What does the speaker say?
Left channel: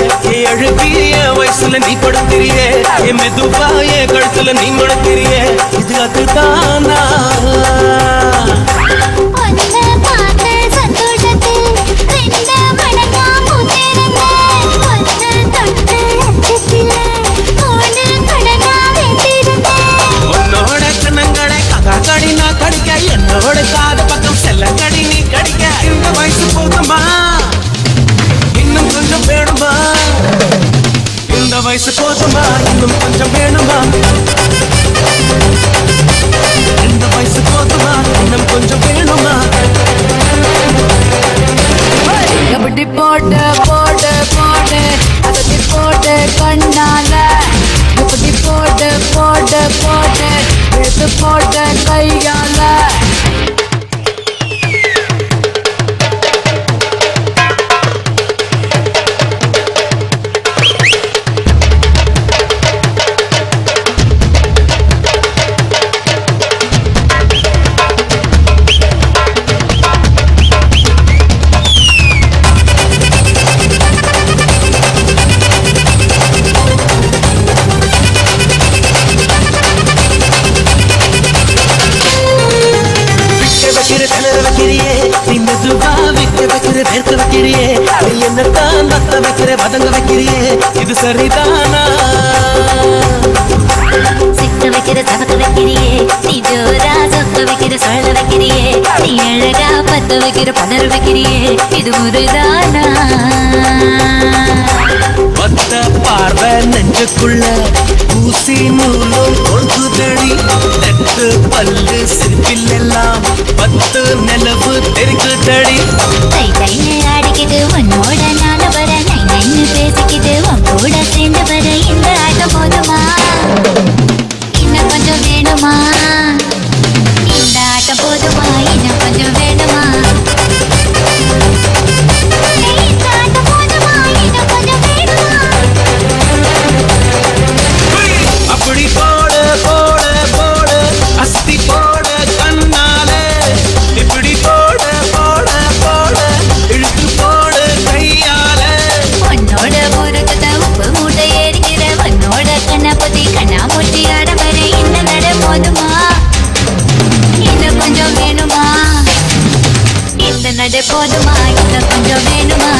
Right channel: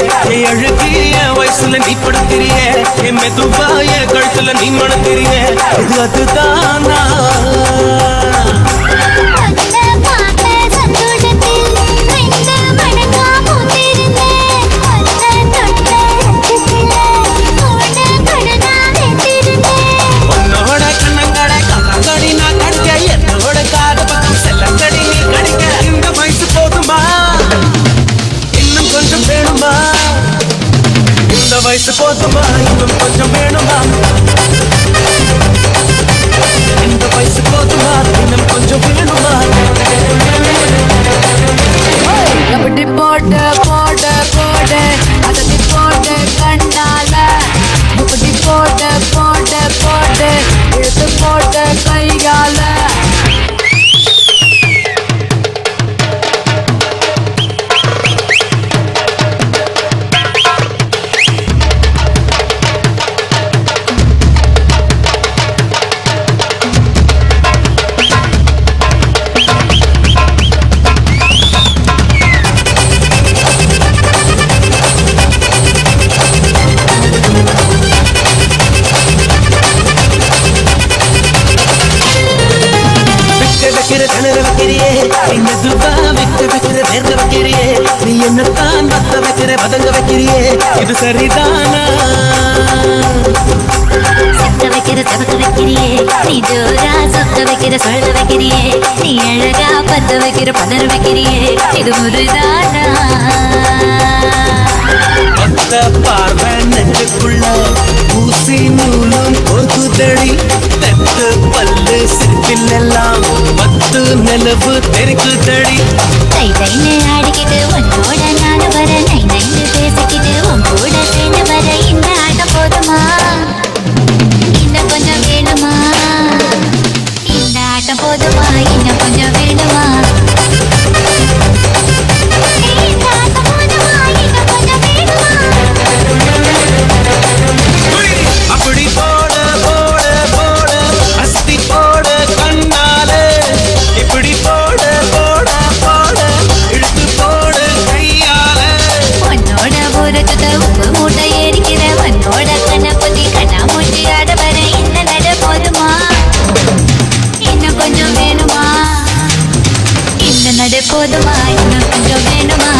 அழுகிய வயசுல நீ கொடுக்கிறியே மெதுவாய கழுத்துல நீ முடக்கிறியே இது அதுதானா உன்னோட கண்ணங்களை கதாகடி நான் கடிக்க என்னோட காத பக்கம் செல்ல கடி நீ கடிக்க இந்த வயசு போதுமா இன்னும் கொஞ்சம் வேணுமா இந்த வயசு போதுமா இன்னும் கொஞ்சம் வேணுமா இந்த வயசு போதுமா இன்னும் கொஞ்சம் வேணுமா எப்படி போட்டு போட்டு போட்டு அதை போட்டு கண்ணால எப்படி போட்டு போட்டு போட்டு எடுத்து போட்டு கையால இது சரிதானா சித்த வைக்கிற சமத்து வைக்கிறியே நீ ஜோரா சொத்து வைக்கிற சொல்ல வைக்கிறியே நீ அழகா பத்து வைக்கிற பதற வைக்கிறியே இது முருதானா பத்த பார்வை நெஞ்சுக்குள்ள ஊசி நூலும் கொழுக்குதடி தெத்து பல்லு சிரிப்பில் எல்லாம் பத்து நிலவு தெரிக்குதடி தை தைன்னு ஆடிக்கிட்டு உன்னோட நான வர நை நைன்னு பேசிக்கிட்டு உன் கூட சேர்ந்து வர இந்த ஆட்டம் போதுமா இன்னும் கொஞ்சம் வேணுமா இந்த ஆட்டம் போதுமா இன்னும் கொஞ்சம் வேணுமா அப்படி போட போட போட அஸ்தி போட கண்ணால இப்படி போட போட போட இழுத்து போட கையால உன்னோட ஊருக்கு உப்பு மூட்டை ஏறிக்கிற உன்னோட கண்ண பொதி கண்ணா மூஞ்சி ஆடவர இந்த நட போதுமா இன்னும் கொஞ்சம் வேணுமா இந்த நட போதுமா இன்னும் கொஞ்சம் வேணுமா